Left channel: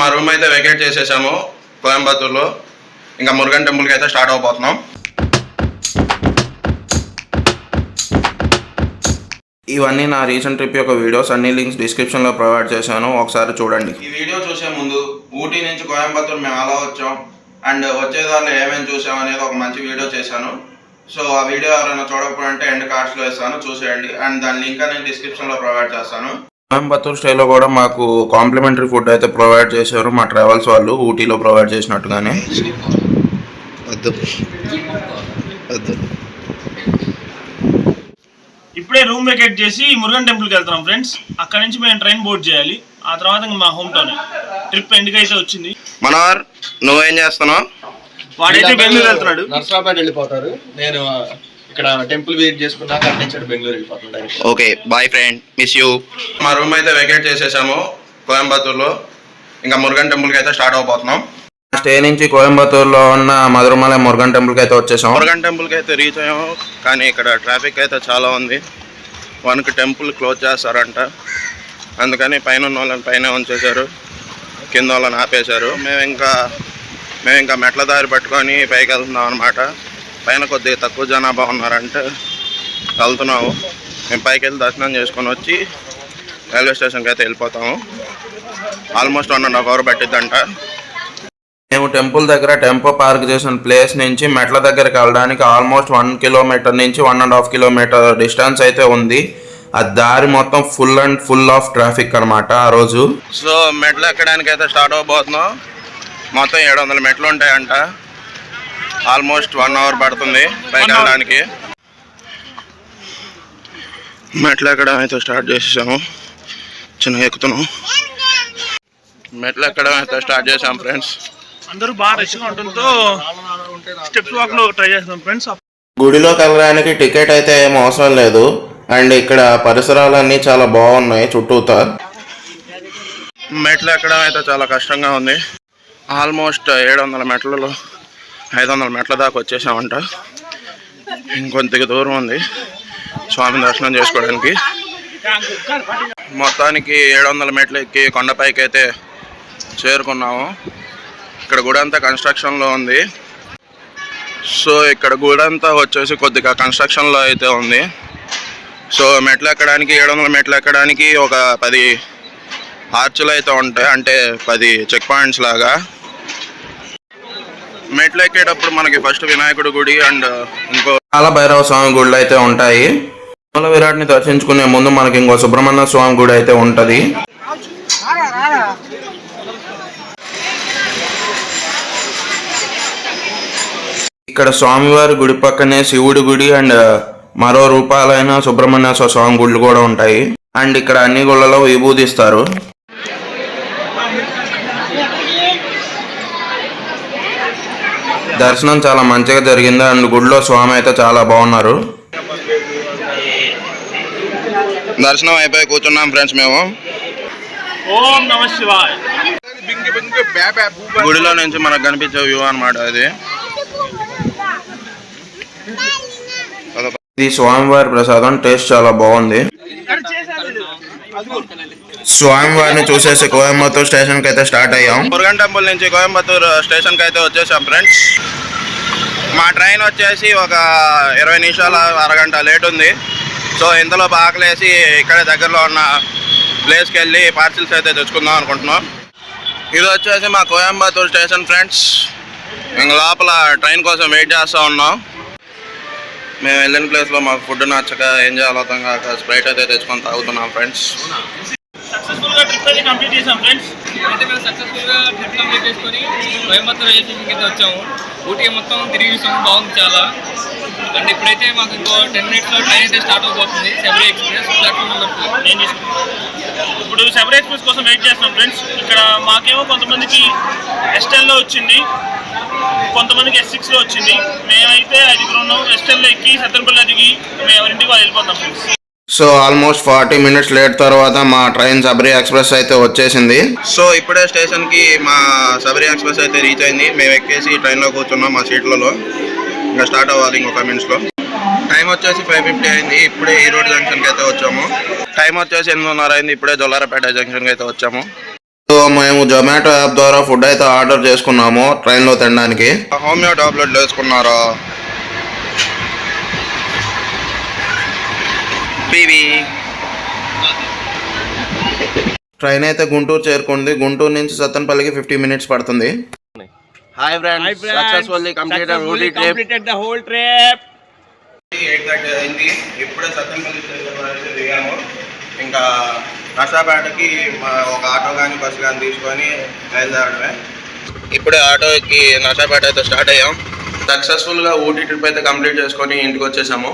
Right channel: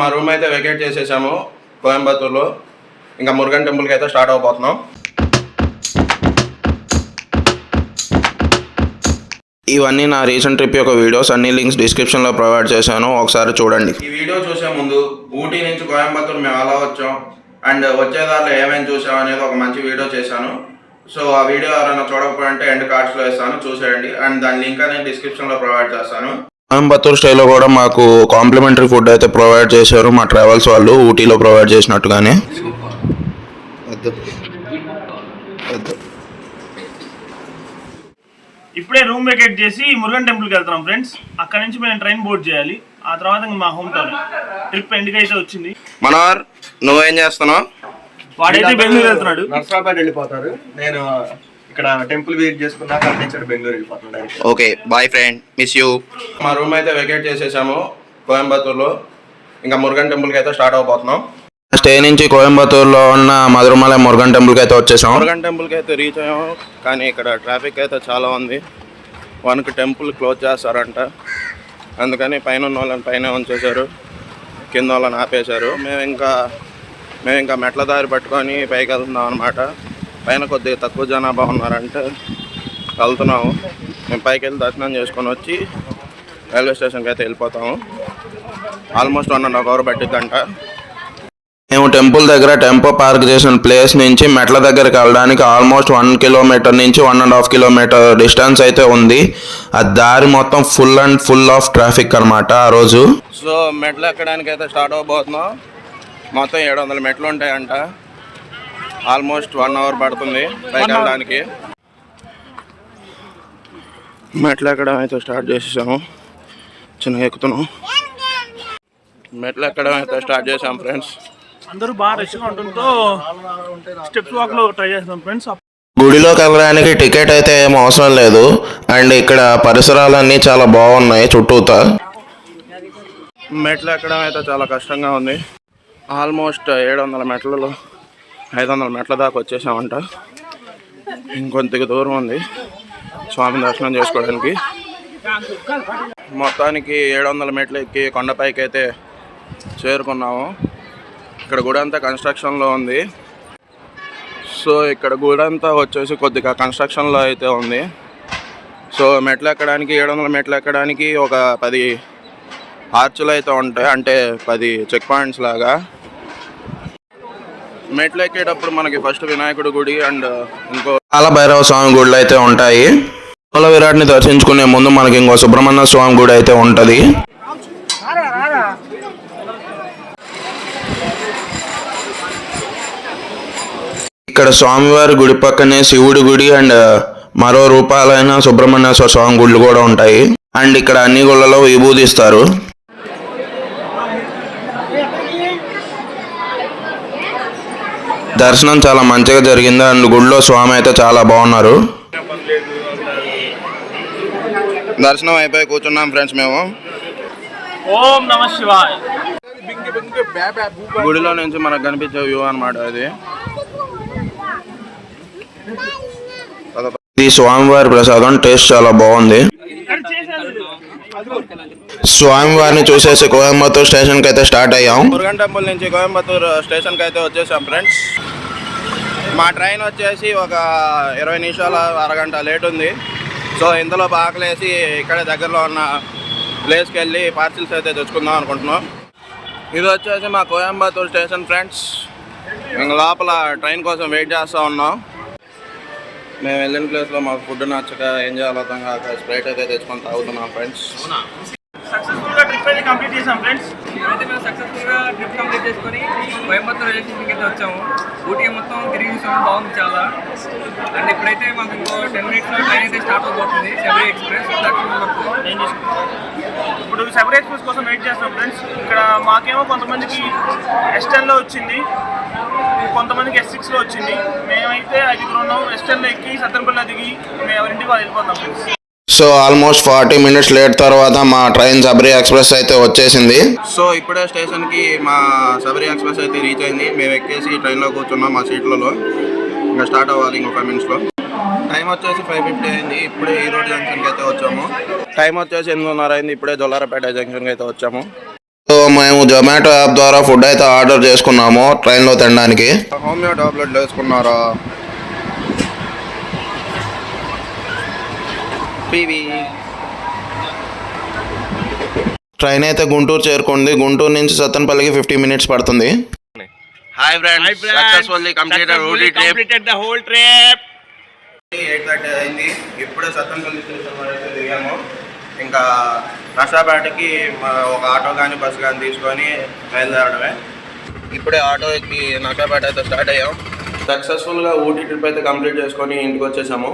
మా రూమ్ అయితే వెకేట్ చేసేసాము కోయంబత్తూర్లో. ఇంకా మురుగన్ టెంపుల్కి అయితే స్టార్ట్ అవబోతున్నాం. ఇవన్నీ నా రీసెంట్ ట్రిప్ యొక్క వీడియోస్, అన్ని లింక్స్ డిస్క్రిప్షన్లో ప్రొవైడ్ చేశాను, ఒకసారి చూడండి. ఈ వీడియో చూసే ముందు ఊటీ నుంచి కోయంబత్తూర్ మేము అలా వచ్చాం అండ్ వచ్చేదారిలో ఏమేమి చూసాం అనేది ఒక మంచి వీడియో చేశాను. సో ఆ వీడియో ఎవరైనా చూడకపోతే ఎండ్ కార్డ్స్లో వేస్తాను, చూసేయండి. అండ్ దాని లింక్ అనేది డిస్క్రిప్షన్లో ప్రొవైడ్ చేస్తాను. కోయంబత్తూర్ స్టైల్లో కూడా మాకు కాంప్లిమెంటరీ ఫుడ్ అయితే ప్రొవైడ్ చేశారు మా ట్రావెల్స్ వాళ్ళు, ఊటీలో ప్రొవైడ్ చేసినట్టుగానే. ఇప్పుడే రూమ్ వెకేట్ చేసి మురుగన్ టెంపుల్కి వెళ్తున్నాం ఫ్రెండ్స్. అక్కడ నుంచి మేము ట్రైన్ బోర్డ్ చేయాలి. ఆ తర్వాత మా హోమ్ టౌన్. ట్రిప్ ఎండ్కి అయితే వచ్చింది. మనోహర్, నువ్వేం చేస్తున్నావు? వాడైతే బెంగళూరు వెళ్తున్నాడు, నర్సరాబాద్ వెళ్ళిపోతారు. నేను ఇక్కడ టెంపుల్ విజిట్ చేసుకున్నాక అక్కడి నుంచి బెంగళూరు వెళ్ళిపోతున్నాను. Okay, boy friend, miss you. మా రూమ్ అయితే వెకేట్ చేసేసాము కోయంబత్తూర్లో. ఇంకా మురుగన్ టెంపుల్కి అయితే స్టార్ట్ అవబోతున్నాం. స్టే నుంచి కోయంబత్తూర్లో ఉన్న మధురమల మురుగన్ టెంపుల్కి అయితే వచ్చేసాం. మురుగన్ టెంపుల్కి అయితే రీచ్ అయ్యాము, కానీ ఇక్కడ ట్రాఫిక్ అయితే చాలా ఉంది. 1కి టెంపుల్ క్లోజ్ చేస్తారంట, అందుకని పైన ఉన్న వాళ్ళని పైన ఉంచేశారు, కింద వాళ్ళని ఆపేశారు. మేము ఇంకా మెట్ల దారి పట్టుకొని పైకి వెళ్తున్నాం అనమాట. పైన కొద్దిగా తక్కువ జనాభా ఉన్నారంటే వెళ్తున్నాము. మేము పైకి వెళ్ళి దర్శనం చేసుకొని వచ్చి రైల్వే స్టేషన్కి అయితే వెళ్ళిపోతాము. Almost 1.5 hours పట్టిద్దంట. మేము టెంపుల్ దగ్గర టెంపో పార్క్ చేసిన ప్లేస్ నుంచి మెట్ల దగ్గరికి వెళ్ళడానికి ఆల్మోస్ట్ 1 కిలోమీటర్ నుంచి 1.5 కిలోమీటర్ డిస్టెన్స్ అయితే ఉంది. ఆ దారి మొత్తం ఫుల్ ఆఫ్ ట్రాఫిక్ అనమాట ఆ రోజు. సో మెట్లు ఎక్కడానికి అయితే స్టార్ట్ అవబోతున్నాం. మొత్తం 700 మెట్లు ఉంటాయంట. ఆల్మోస్ట్ 1 hour పడుతుంది పైకి వెళ్ళడానికి. మెట్లు ఎక్కడం అయితే స్టార్ట్ చేసేసాము. చిన్నగా ఎక్కుతున్నాం. మెట్లు ఎక్కడం అయితే స్టార్ట్ చేసాం ఫ్రెండ్స్. అందరూ బాగా రష్గా ఉండటంతో స్టెప్స్ వాక్లో ట్రై చేస్తాం ఫ్రెండ్స్. గుడిలోకి వెళ్ళడానికి టికెట్ అయితే ఏం అవసరం లేదు. అండ్ ఇక్కడ పరిసరాలన్నీ చాలా బాగున్నాయి చుట్టూతా. మెట్లు ఎక్కడం అయితే చాలా కష్టంగా ఉంది. ఆల్మోస్ట్ 700 మెట్లలో 500 మెట్ల దాకా వచ్చేసామంట. ఇంకొంత దూరం ఉంది స్వామి దర్శనం చేసుకోవడానికి. మొత్తానికి 700 మెట్లు ఎక్కి కొండపైకి అయితే చేరుకున్నాము. ఇక్కడ గుడి అంతా కన్స్ట్రక్షన్లో ఉంది. సో ఇక్కడ గుడి అంతా వచ్చేసి కొద్దిగా కన్స్ట్రక్షన్లో అయితే ఉంది. సో మెట్లు ఎక్కడానికి 700 మెట్లు ఎక్కడానికి ఒక 10 ఆర్చులు అయితే ఉంటాయి, అంటే 10 చెక్ పాయింట్స్ లాగా. మెట్లు ఎక్కేటప్పుడు మనకి ఫస్ట్ వినాయకుడి గుడి అండ్ ఇంకో కాలభైరవ స్వామి గుళ్ళు అయితే ఉంటాయి. మూల విరాట్ని దర్శించుకునే ముందు మనకి ఇంకో సుబ్రహ్మణ్య స్వామి గుడి అయితే ఉంటుంది. ఇక్కడ స్వామివారి గుడి పక్కనే శివుడి గుడి అండ్ మరో రూపాలైన సుబ్రహ్మణ్యేశ్వర స్వామి గుళ్ళు కూడా ఉంటాయి. అండ్ ఇక్కడ అన్ని గుళ్ళలో విభూదిస్తారు. దర్శనం చాలా మంచిగా జరిగింది. అండ్ గుడిలో స్వామి అయితే చాలా బాగున్నారు. దర్శనం అయిపోయి కూర్చున్నాం ఫ్రెండ్స్ మేము. ఓం నమః శివాయ. గుడిలో నుంచి మనకు కనిపించే వ్యూ అనమాట అది. ఇది స్వామివారి ప్రసాదం, టేస్ట్ చాలా బాగుంది. స్వామివారిని చూసేసి కోయంబత్తూర్ స్టేషన్కి అయితే స్టార్ట్ అయ్యాం. మురుగన్ టెంపుల్ నుంచి కోయంబత్తూర్ స్టేషన్కి అయితే వచ్చేసాం ఫ్రెండ్స్. మా ట్రైన్ వచ్చేసి ఒక 20 నిమిషాలు అరగంట లేట్ ఉంది. సో ఇంతలో ఆకలేసి ఇక్కడే దగ్గరలో ఉన్న ప్లేస్కి వెళ్ళి పార్సిల్స్ అయితే తెచ్చుకుందాం అనుకుంటున్నాం. ఇది వచ్చేసి మా కోయంబత్తూర్ స్టేషన్ ఫ్రెండ్స్. ఇంక లోపల ట్రైన్ కోసం వెయిట్ చేస్తూ ఉన్నాం. మేము వెళ్ళిన ప్లేస్లో మాకు ఫుడ్ నచ్చక ఏం చేయాలో అర్థం కాక స్ప్రైట్ అయితే తెచ్చుకొని తాగుతున్నాం ఫ్రెండ్స్. సక్సెస్ఫుల్గా ట్రిప్ అయితే కంప్లీట్ చేసాం ఫ్రెండ్స్. అయితే మేము సక్సెస్ఫుల్గా ట్రిప్ కంప్లీట్ చేసుకొని కోయంబత్తూర్ రైల్వే స్టేషన్కి అయితే వచ్చాము. ఊటీ మొత్తం తిరిగి చూసాము, బాగుంది చాలా. అండ్ ఇప్పుడైతే మాకు ఇంకో 10 minutesలో ట్రైన్ అయితే స్టార్ట్ అవబోతుంది. Sabari express platform number 4. ఇప్పుడు శబరి ఎక్స్ప్రెస్ కోసం వెయిట్ చేస్తాం ఫ్రెండ్స్. ఇక్కడ మాకేమో కొంతమందికి S10లో వచ్చింది, కొంతమందికి S6లో వచ్చింది. మేమైతే 5 ఉన్నాం. S10లో ఎక్కి సత్తెనపల్లి దిగి మేము ఎవరింటికి వాళ్ళు వెళ్ళిపోతాం friends. So almost 40 minutes late తర్వాత మా ట్రైన్ శబరి ఎక్స్ప్రెస్ అయితే వచ్చేసింది. సో ఇప్పుడే స్టేషన్కి మా శబరి ఎక్స్ప్రెస్ అయితే రీచ్ అయింది. మేము ఎక్కేసి ట్రైన్లో కూర్చున్నాం మా సీట్లలో. ఇంకా స్టార్ట్ అవ్వాలి ఇంకొక మినిట్స్లో. టైం వచ్చేసి 5:50 అయింది. ఇప్పుడే ఈ రోడ్ జంక్షన్కి అయితే వచ్చాము. టైం వచ్చేసి 8:30 అయింది. ఇప్పుడే జొల్లారపేట జంక్షన్కి అయితే వచ్చాము. సో మేము జొమాటో యాప్ ద్వారా ఫుడ్ అయితే ఆర్డర్ చేసుకున్నాము ట్రైన్లో తినడానికి. హోమియో టాబ్లెట్లు వేసుకున్నారా? ట్రైన్ అయితే గుంటూరు చేరుకుంది. గుంటూరు నుంచి సత్తెనపల్లికి 50 మినిట్స్ పడుతుంది. Hi friends, successfully completed Ooty trip. 8:30 అయింది. ఇప్పుడే సత్తెనపల్లి స్టేషన్లో అయితే దిగాము. ఇంకా నర్సాపేటకి ఒక ఆటో కానీ బస్సు కానీ తీసుకొని బయలుదేరడమే. ఇప్పుడే ఆటోకి నర్సాపేట అయితే స్టార్ట్ అయ్యాం. సక్సెస్ఫుల్గా ఊటీ ట్రిప్ అయితే కంప్లీట్ చేసుకొని ఇంటికి వచ్చేసాము.